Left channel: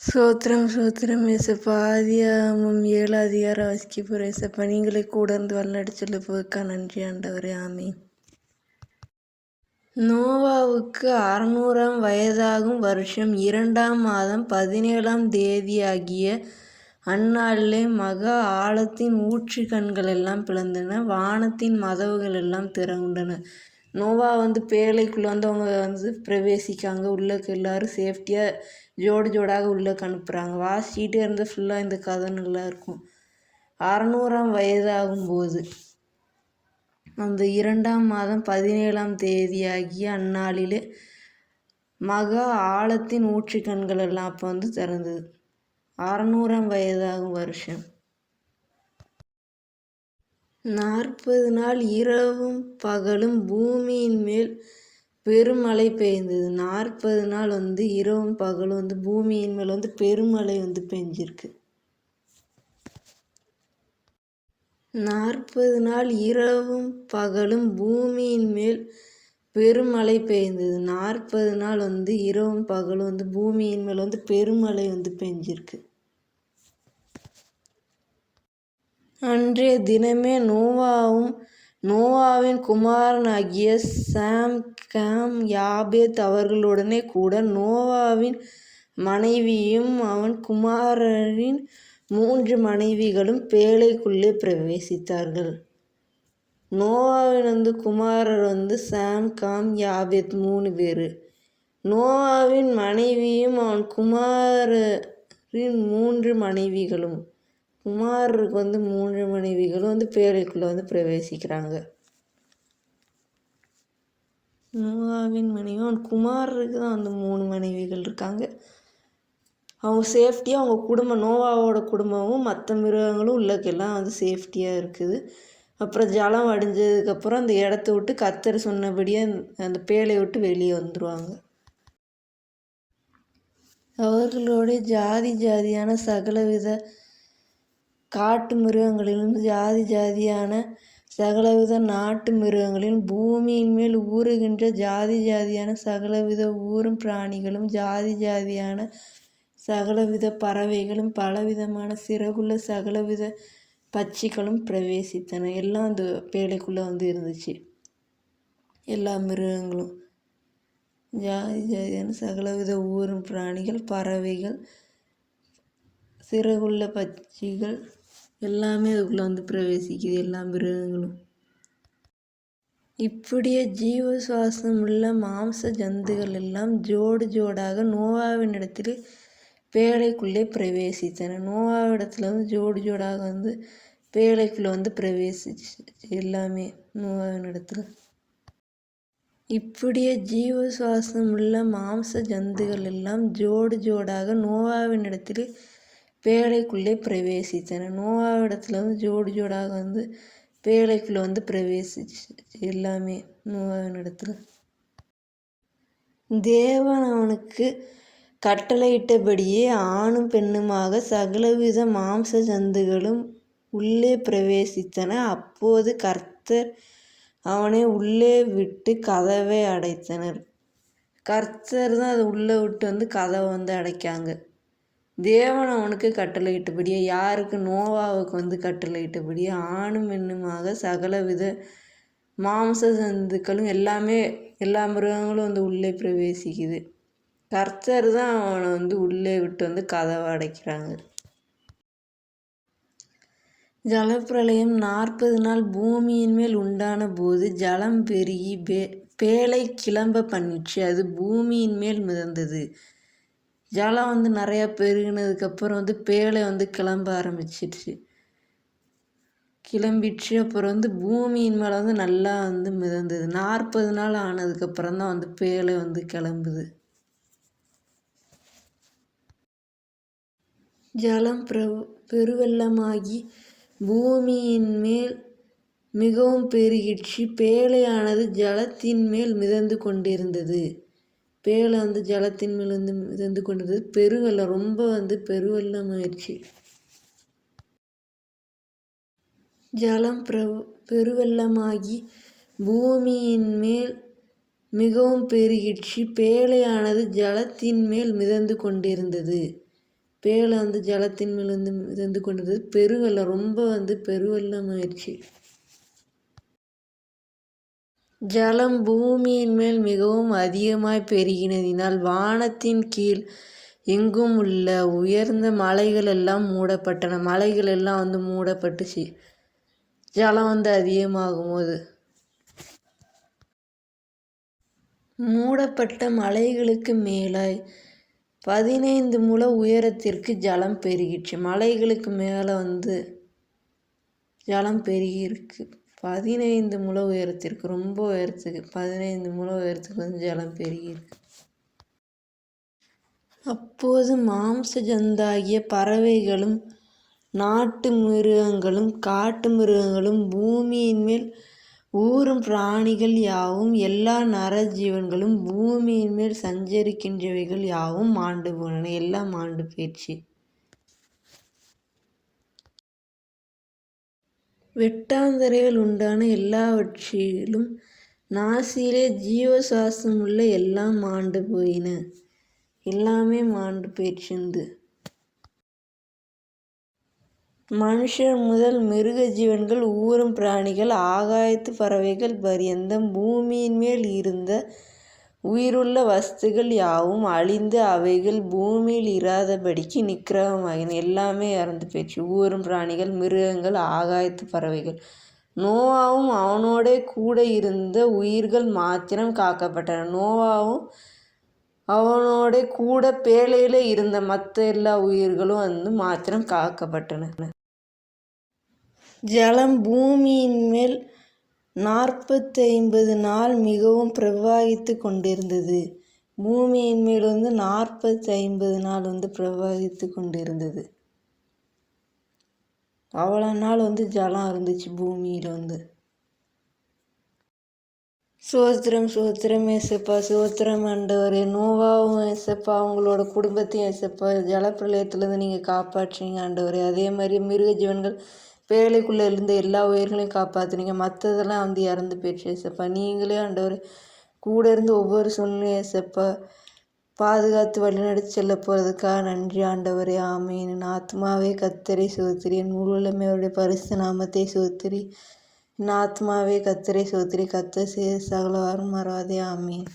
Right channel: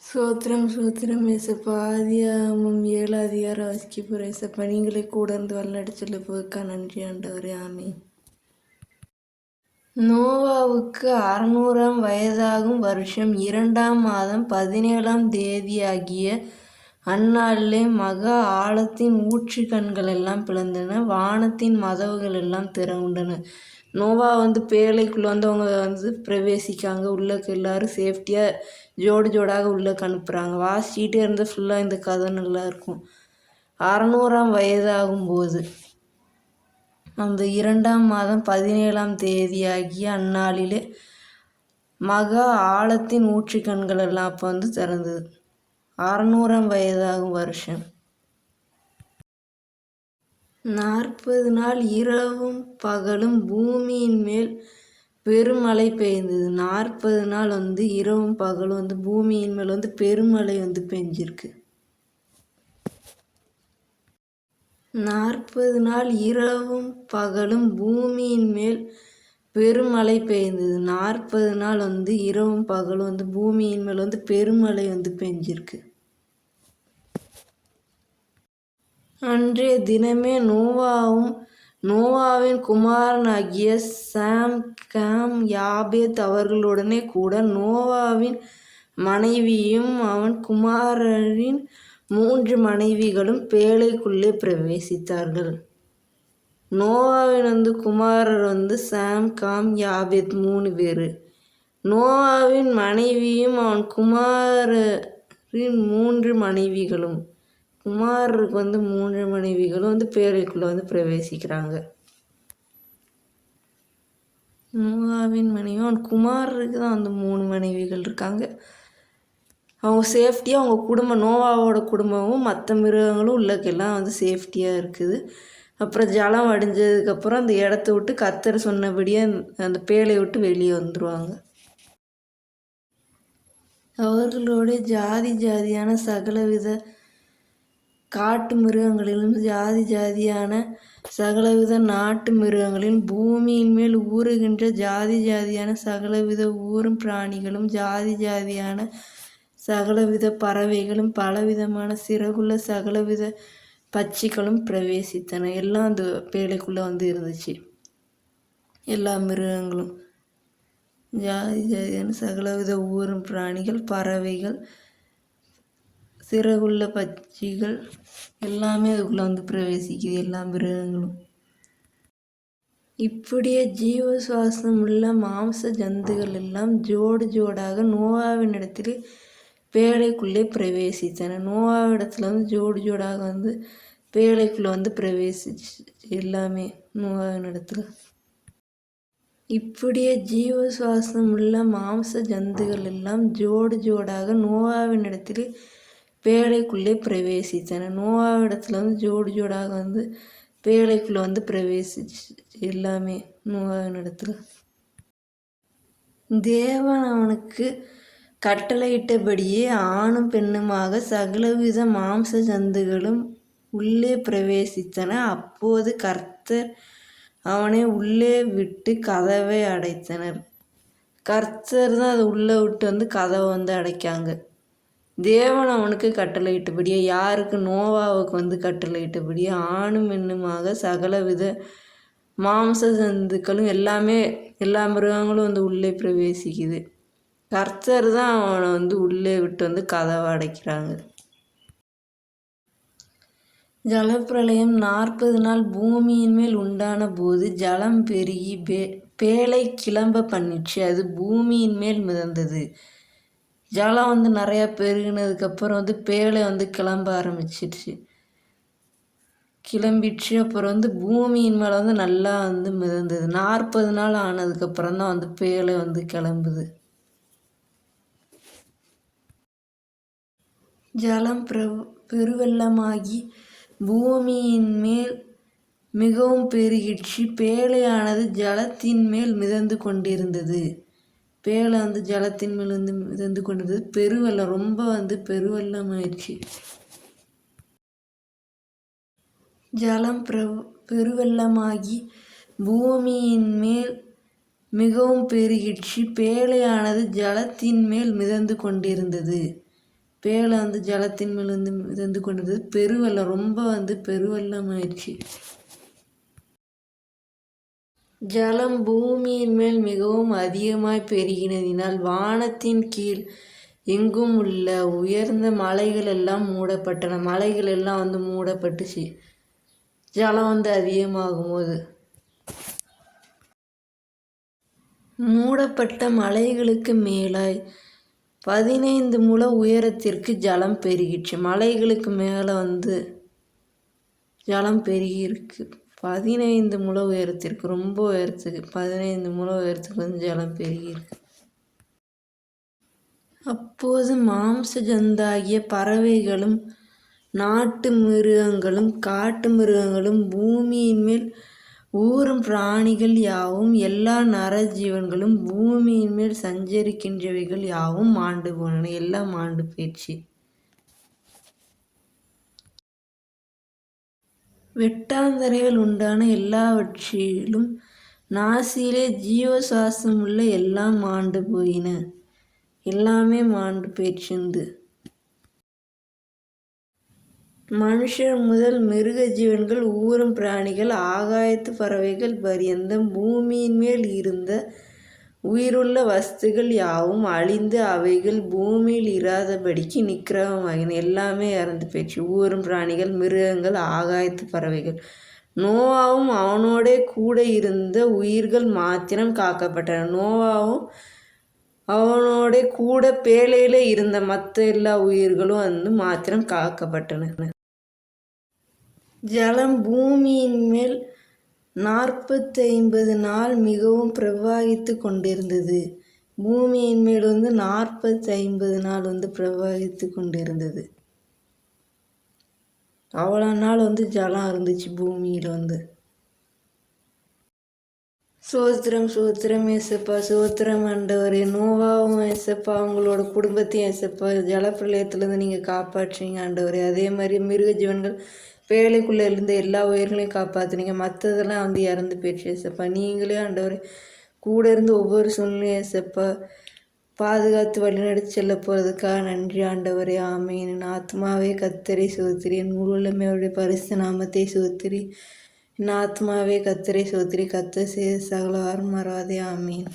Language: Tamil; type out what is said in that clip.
ஸ்தோத்திரம் ஸ்தோத்திரம் ஏசப்பா. ஆதியாகமம் 7 அதிகாரம் வாசிக்க போகிற ஏசப்பா. நீங்களே கூட இருந்து வழிநடச்சொல்ல போக்கா நன்றி ஆண்டவரே. ஆமீன். நோவாவுக்கு 600ஆம் வயதாகும் வருஷம் 2ஆம் மாதம் 17ஆம் தேதியாகிய அந்நாளிலே மகா ஆழத்தின் ஊற்று கண்கள் எல்லாம் பிளந்தன, வானத்தின் மதவுகள் எல்லாம் திறவுண்டன. நோவா பேழைக்குள்ளே அவங்க பிரவேசிக்காங்க. உள்ளக்கு எல்லாரும் சேஃப்டியாக ஜோடாக உள்ளக்கு அனுப்புகிறாங்க. வாசிக்கிட்டே இருந்தால் ஃபுல்லாக இந்த கதை நல்லா இருக்கும். 600ஆம் வயதாகும்போது அந்த 2ஆம் மாதம் 17ஆம் தேதியாகிய அந்நாளிலே மகா ஆழத்தின் ஊற்று கண்கள் எல்லாம் அப்போ திறந்தது. 600ஆம் வயதாகும் வருஷம் 40 நாள் இரவும் பகலும் பூமியின் மேல் பெருமழை பெய்ந்தது. 40 நாள் இரவும் பகலும் பூமியின் மேல் பெருமழை பெஞ்சிருக்கு. 40 நாள் இரவும் பகலும் பூமியின் மேல் பெருமழை பெய்ந்தது. 40 நாள் இரவும் பகலும் பூமியின் மேல் பெருமழை பெஞ்சிருக்கு. அன்றைய தினமே நோவாவும் நோவாவின் குமாரனாகிய சாம், காம், யாபேத் அவர்களுடனே கூட நோவாவின் மனைவியும் அவன் குமாரரின் 3 மனைவிகளும் பேழைக்குள்ளே பிரவேசித்தார்கள். நோவாவின் குமாரர் சாம், காம், யாபேத் 3 பேர். நோவாவின் மனைவியும் அவன் குமாரரின் 3 மனைவிகளும். குமாரருக்கு 3 மனைவிகளும் பேழைக்குள்ளே பிரவேசிக்கிறாங்க. நோவாவின் மனைவி அவன் குமாரருக்கு தான் 3 மனைவிகள் இருக்காங்க. அவங்க சேஃப்டியாக அவங்க குடும்பம், நோவாவோட குடும்பமும் மற்ற மிருகங்களும் உள்ளக்கெல்லாம் சேஃப்டியாக இருக்குது. அப்புறம் ஜலம் அடிஞ்சதுக்கப்புறம் அந்த இடத்த விட்டு கர்த்தர் சொன்னபடியே அந்த பேழையை விட்டு வெளியே வந்துடுவாங்க. அவர்களோட ஜாதி ஜாதியான சகலவித காட்டு மிருகங்களிலும் ஜாதி ஜாதியான சகலவித நாட்டு மிருகங்களிலும் பூமியின் மேல் ஊறுகின்ற ஜாதி ஜாதியான சகலவித ஊரும் பிராணிகளும் ஜாதி ஜாதியான சகலவித பறவைகளும் பலவிதமான சிறகுள்ள சகலவித பட்சிகளும் பிரவேசித்தன. எல்லாம் அந்த பேழைக்குள்ளே இருந்துச்சு. எல்லா மிருகங்களும் ஜாதி ஜாதியான சகலவித ஊரும் பிராணிகள், பறவைகள், சிறகுள்ள பட்சிகள் எல்லாமே அதுக்குள்ளே பிரவேசிக்குது. எல்லா மிருகங்களும். இப்படியே ஜீவ சுவாசம் உள்ள மாம்ச ஜந்துகள் எல்லாம் ஜோடாக நோவாவின் இடத்தில் பேழைக்குள்ளே பிரவேசித்தன. நோவாவிடத்துல ஜோடாக பேழைக்குள்ளே பிரவேசிச்சு எல்லாமே நோவாவின் இடத்துல. இப்படியே ஜீவ சுவாசம் உள்ள மாம்ச ஜந்துகள் எல்லாம் ஜோடாக நோவாவின் இடத்தில் பேழைக்குள்ளே பிரவேசித்தன. நோவாவிடத்துல ஜோடாக பேழைக்குள்ளே பிரவேசிச்சு எல்லாமே நோவாவின் இடத்துல. தேவன் அவனுக்கு கட்டளையிட்டபடியே ஆணும் பெண்ணுமாக சகலவித மாம்ச ஜந்துகளும் உள்ளே பிரவேசித்தன. அப்போது கர்த்தர் அவனை உள்ளே விட்டு கதவை அடைத்தனர். கர்த்தர் தான் அதை உள்ளே விட்டு கதவை அடைக்காங்க. தேவன் அவனுக்கு கட்டளையிட்டபடியே, யாருக்கு? நோவாவுக்கு கட்டளையிட்டபடியே ஆணும் பெண்ணுமாக சகலவித மாம்ச ஜந்துக்களும் எல்லாமே எல்லா மிருகங்களும் உள்ளே பிரவேசிக்குது. கர்த்தர் தான் அவனை உள்ளே விட்டு கதவை அடைக்கிறாங்க. ஜலப்பிரளயம் 40 நாள் பூமியின் மேல் உண்டான போது ஜலம் பெருகி பேழை கிளம்ப பண்ணிச்சு. அது பூமியின் மேல் மிதந்தது. ஜலம் நிறையா பெருகினதுக்கப்புறம் பேழை கிளம்ப ஆரம்பிச்சிடுச்சு. கிளம்பிடுச்சு. அப்புறம் பூமியின் மேலே நல்லா மிதந்தது. 40 நாள் ஆனதுக்கப்புறம் தான் பேழை கிளம்புது. ஜலம் பெருவெள்ளமாகி பூமியின் மேல் மிகவும் பெருகிடுச்சு. பேழையானது ஜலத்தின் மேல் மிதந்து கொண்டிருந்தது. பேழை ஜலத்தின் மேல் மிதந்து கொண்டிருந்தது. பெருவெள்ளம் ரொம்ப பெருவெள்ளம் ஆயிடுச்சு. ஜலம் பெருவெள்ளமாகி பூமியின் மேல் மிகவும் பெருகிடுச்சு. பேழையானது ஜலத்தின் மேல் மிதந்து கொண்டிருந்தது. பேழை வந்து ஜலத்தின் மேல் வந்து மிதந்து கொண்டது. பெருவெள்ளம் ரொம்ப வந்து பெருவெள்ளம் ஆயிடுச்சு. ஜலம் பூமியின் மேல் மிகவும் அதிகமாய் பெருகினதினால் வானத்தின் கீழ் எங்கும் உள்ள உயர்ந்த மலைகள் எல்லாம் மூடப்பட்டன. மலைகள் எல்லாம் வந்து மூடப்பட்டுச்சு ஜலம் வந்து அதிகமாகும் போது. மூடப்பட்ட மலைகளுக்கு மேலாய் 15 முழ உயரத்திற்கு ஜலம் பெருகிற்று. மலைகளுக்கு மேலே வந்து ஜலம் பெருகிருக்கு. 15 முழ உயரத்திற்கு, ரொம்ப உயரத்துக்கு 15 முழ உயரத்துக்கு வந்து ஜலம் பெருகிருக்கு. அப்போது மாம்ச ஜந்தாகிய பறவைகளும் நாட்டு மிருகங்களும் காட்டு மிருகங்களும் பூமியின் மேல் ஊரும் பிராணிகள் யாவும் எல்லா நரஜீவன்களும் பூமியின் மேல் சஞ்சரிக்கின்றவைகள் யாவும் மாண்டு போனன. எல்லாம் மாண்டு போயிடுச்சு. வெட்டாந்தரையால் உண்டான எல்லாவற்றிலும் நாசியிலே ஜீவசுவாசமுள்ள எல்லாம் மாண்டு போயின. எல்லாமே மாண்டு போயிடுச்சுண்டு. மனுஷர் முதல் மிருக ஜீவன்கள் ஊரும் பிராணிகள் ஆகாயத்து பறவைகள் பரியந்தம் பூமியின் மேல் இருந்த உயிருள்ள வஸ்துகள் யாவும் அழிந்து அவைகள் பூமியில் இராதபடிக்கு நிக்கிரகமாகின. எல்லாமே இறந்து போயிடுச்சு. ஊரும் பிராணிகள், மிருகங்கள், ஆகாயத்து பறவைகள். நோவாவும் அவனோட கூட இருந்த உயிர்கள் மாத்திரம் காக்கப்பட்டன. நோவாவும் அவனோட கூட பேழையில இருந்த மற்ற எல்லா உயிர்களும் வந்து மாத்திரம் காக்கப்பட்டன. ஜலம் பூமியின் மேல் 450 நாள் மிகவும் பிரவாகித்து கொண்டிருந்தது. பூமியின் மேல் வந்து 450 நாள் வந்து பிரவாகித்து கொண்டிருந்தது. அவ்வளோ நாள் வந்து ஜலம் இருந்துச்சு பூமியில் வந்து. சோத்திரம் சோத்திரம் ஏசப்பா, சோத்திரம் ஆண்டவரே. நோவாவும் ஏசப்பா அவங்களோட குடும்பத்தையும் ஏசப்பா ஜலப்பிரளயத்துலேருந்து நீங்கள் காப்பாற்றுறீங்க ஆண்டவரே. அதே மாதிரி மிருக ஜீவன்கள் பேழைக்குள்ளே இருந்து எல்லா உயிர்களையும் காப்பாற்றுனீங்க. மற்றதெல்லாம் வந்து இறந்து போயிடுச்சு ஏசப்பா. நீங்களே ஆண்டவரே கூட இருந்து ஒவ்வொரு சூழ்நிலையும் ஏசப்பா பாதுகாத்து வழிநடத்தி செல்ல போகிறதுக்காக நன்றி ஆண்டவரே. ஆமீன். என் ஆத்மாவே கர்த்தரை சோத்திரி, என் முழுவதுமே அவருடைய பரிசுத்த நாமத்தை சோத்திரி. என் ஆத்மாவே கர்த்தரை சோத்திரி, கர்த்தர் செய்த சகல வாரம் மறவாதே. ஆமீன்.